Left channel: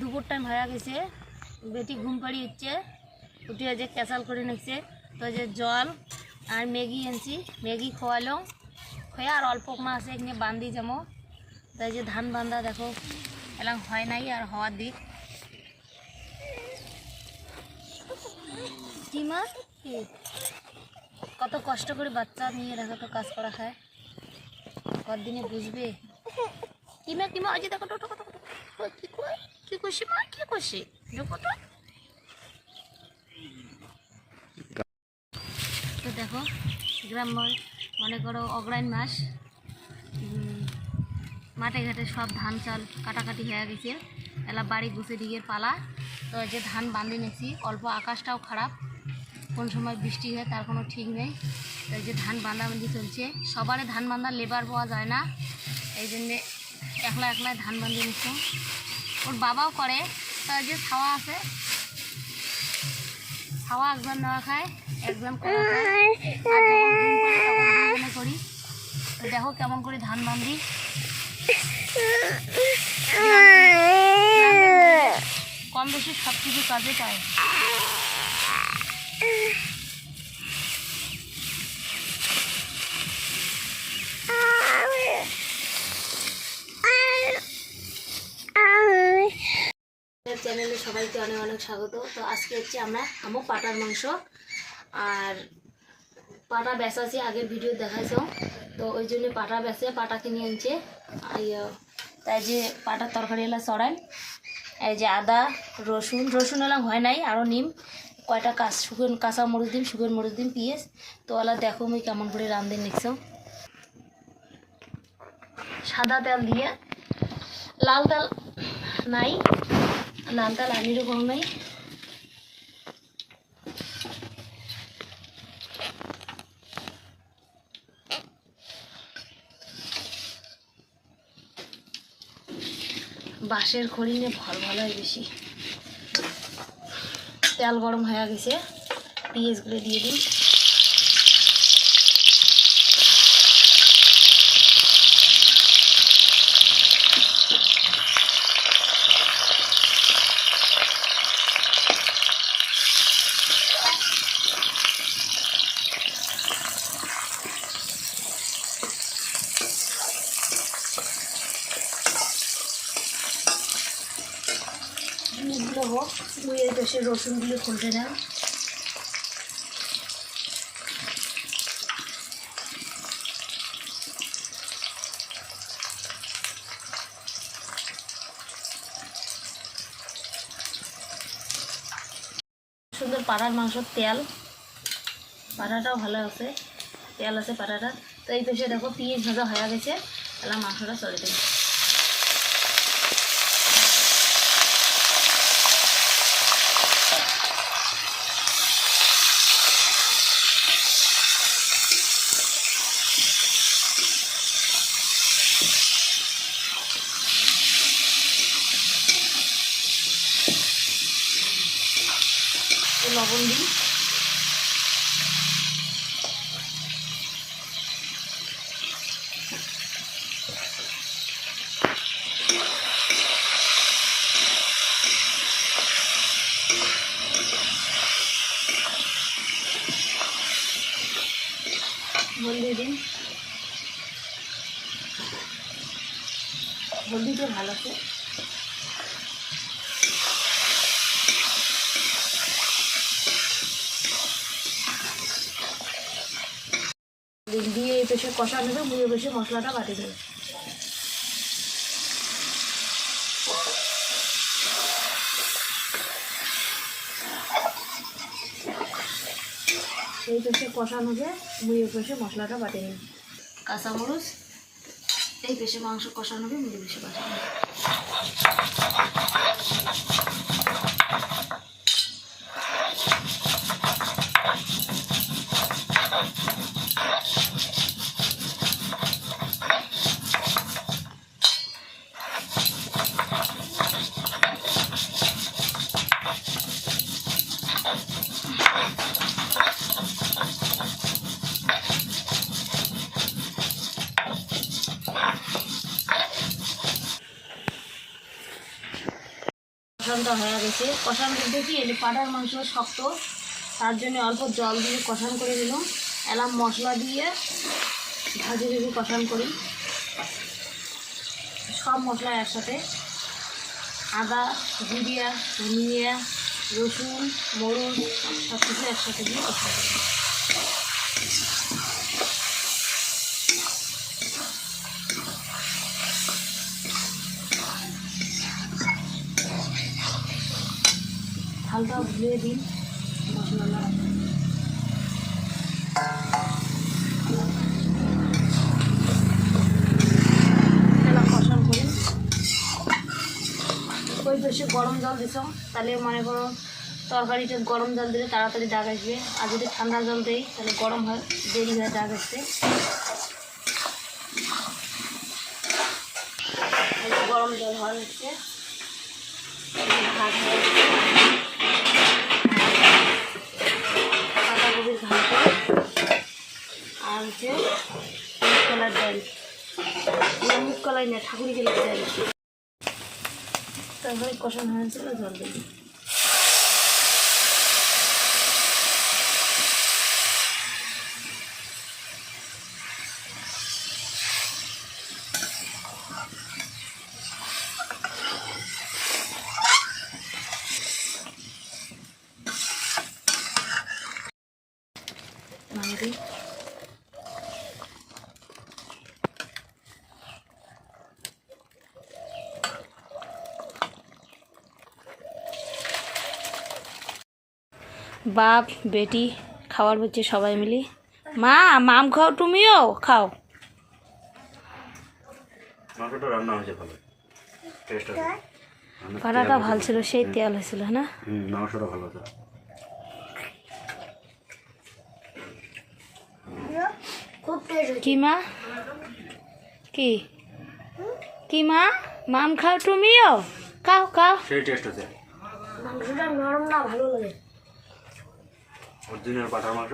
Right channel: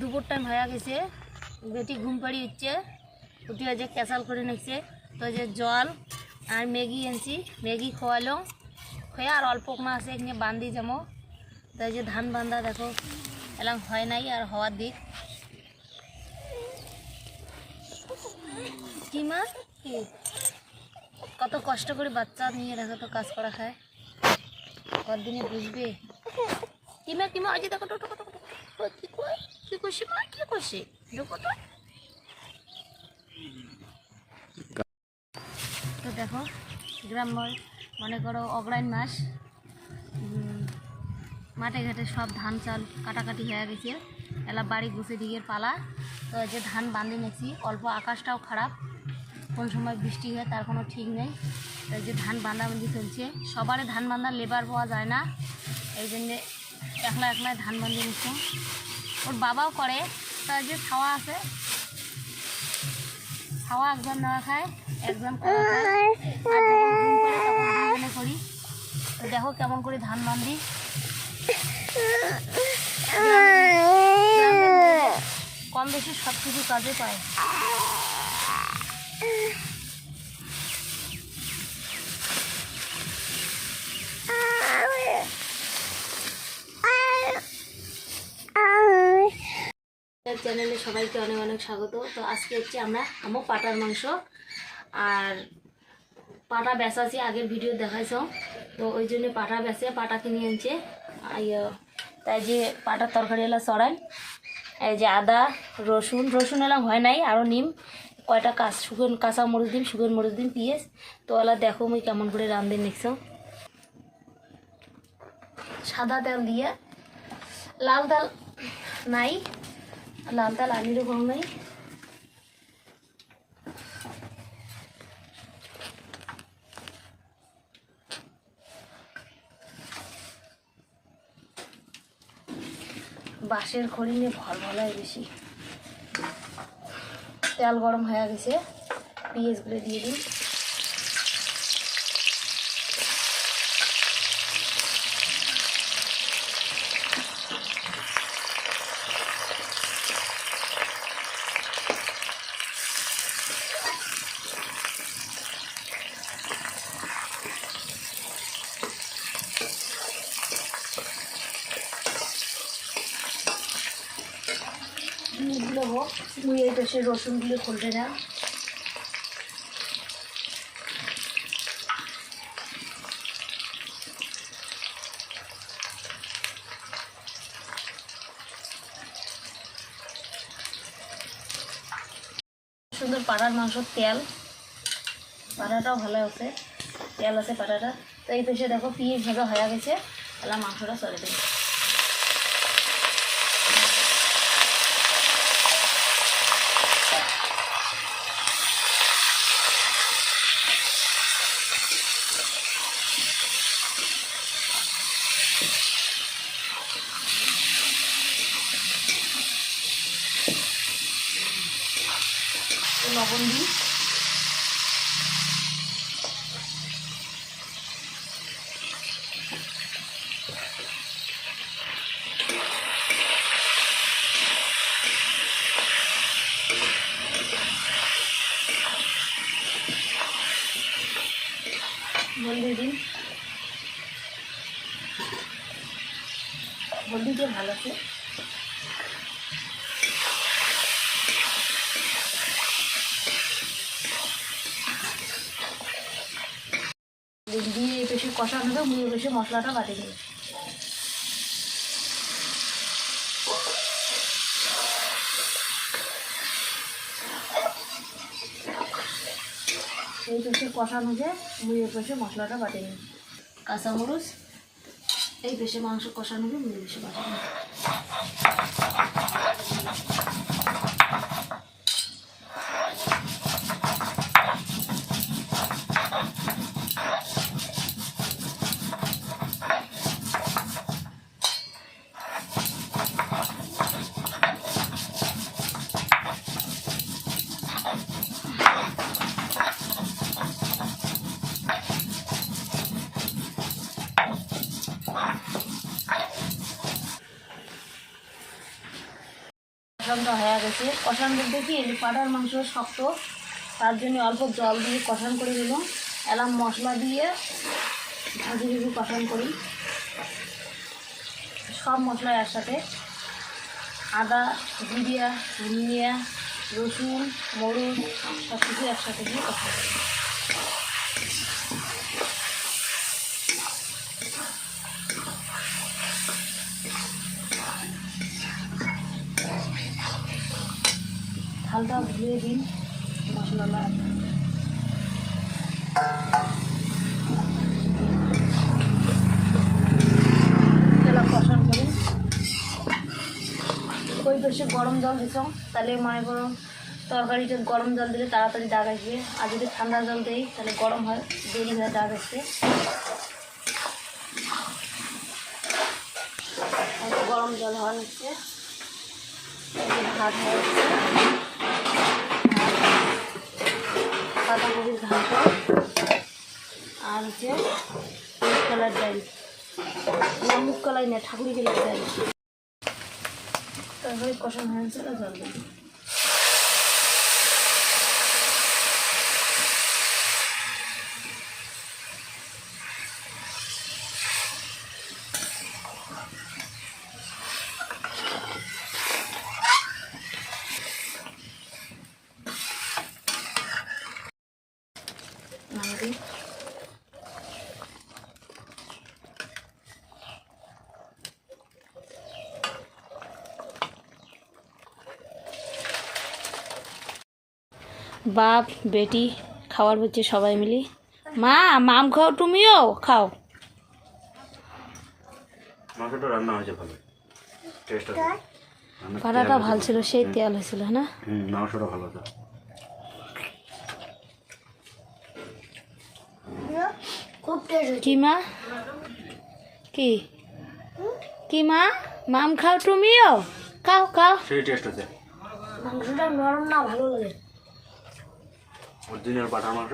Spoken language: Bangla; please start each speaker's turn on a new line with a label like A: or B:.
A: দুপুর টাইম হয়ে গেছে। বেটি ঘুম পাড়ি হচ্ছে উঠে যে ক্যাসাল করে নিচ্ছে। তো যে জল আর ম্যাগি এনেছি। ম্যাগি খোয়ালো। খোয়া আর অল্প মা আছে এখানে বান্ধি যাব। তাই যে ধান বান্ধা দেখো, এলাম হয় নাই আর হওয়ার দিক। কি মা? কত কষ্ট করে বাচ্চা নিয়ে দেখো তো কাজ করা খায় কতদিনে বুঝবে? কিমা কিমা ওই যে দেখো, টোটো কত কত কি করছি মা কি করছি দেখো তো। তো দেখো, গ্রাম মনে করো অগ্রায়ণ মাস। মাঠে ঘাটে সব ধান চাল কাটাকাটি হয়ে গেছে। এলা বাড়ি গুছে দিকে পালা। তো যে ধান বাঁধে নিয়েছি, অল্প আকাশটাও খারাপ। কোন সময় বৃষ্টি হয় তার কোনো ঠিক নেই। তো যে ধান বাঁধাবান্ধি চলছে। সবারে ধান বাঁধার লেবার পাওয়া যায় না। এই জন্যে একলা একলাই ধান বাঁধিয়ে নিচ্ছে। ওর বাবাও করে। তার যে ছাওয়া আছে, ছাওয়া একজন নেওয়া খায়, একজন করা দেখো কেমন করে ধান বান্ধি কম বেশি সব কিছু কাজে পায়। চ্যানেলে সবাইকে অনেক অনেক স্বাগত। তো আজকে হচ্ছে আমরা খামো পাটার মাংস। আর পাটা বেচাছি, আগের ভিডিও দেখাইছ। তো ওই জন্য পাটা বেচে পাটা কিনে আনছে। তাই যে পাটার তরকারি এলা চড়াই। এই যে আদা, রসুন রসুন এলাম হয় নাই আরও নিম। কয়টা কাঁচ, শুকন কাঁচা মরিচ দিম, শুকন মরিচ দিম, পিঁয়াজ। তো ওলা দেখো মুই কেমন করে রান্ধে নিচ্ছ সাদা তেল দিয়ে। লাল তেল নাই। আনিরও কম নাই। বাঁশের খড়ি নিয়ে ভল ভালো হয় বেশি। তেল গরম হয়ে গেছে, পেঁয়াজগুলো দিয়ে দিন। এগুলো হোক মুই এই পাশে রসুনগুলো খুলতে না। সুন্দর পাড়ার মাংসর তেল, পাড়াটাও ভালো আছে, তেল আছে পাড়াটা। তো এই পেশে দেখো পিঁয়াজ ভাজা হয়ে গেছে তাহলে মাংসটা চলে দেবে। তো লবণ দিই হলদি দিন হলদি ভালো আছে? দিয়ে এই পেশে কষা নেবে মুড়ে বেশি মশলাটা বাটি দেবে এই পেশে কষা নেবে মুড়ে পেশে মশলাটা বাটি নেবে কাঁচামরিচ, এই পেশে মাংস কষানো নেবে মুড়ে বেশি বাটি নেবে কষানটা হয়ে গেছে। কষান বলতে কি পাটার মাংস শক্ত, তার জন্য অল্প জল দিয়ে কষান করে দিলাম এলাম মশলা দিয়ে ভাজি ভাজি কষান করি। সব মশলা একসাথে। আদা, জিরিয়া, ধনিয়া, রসুন, মরুচ সব কিছু একসাথে দিয়ে কষান করি। হালকা ভুলিয়ে দিন। মশলাটা বেশি গরম জল দিছ, তাহলে মনে করো তরকারিতে গরম জল দিলে তাড়াতাড়ি দাগ আসবে। আর যদি ঠান্ডা জল দিই, তাহলে গরম হয়, দেরি হয়ে দাগ আসবে। গরম জল হওয়া নিচ্ছে এই যে ভাত হয়ে আর হচ্ছে মুগ কলার ডাল। না, মুগ কলাই না ঠাকুরি গেলে ডাল তারপরে কষান হয়েছিল জল দিই দিই বাপ বেটি খাওয়ার হচ্ছে সবাই মিলি। মা মাম খাও তুমিও খাও।
B: মাংসটা রান্না হয়েছে ভালো। টেস্ট আছে। রান্নার
A: ভালো ছিল সেই তেল হয়েছিল না?
B: মাংসটা ভালো
A: কি মা? কি? কি মা? মাম খাও তুমিও? খাও খাও।
B: সেই টেস্ট আছে।
A: মাংসটা নরম না ভালো লাগে।
B: অরিজিনাল পাঠার মাংস?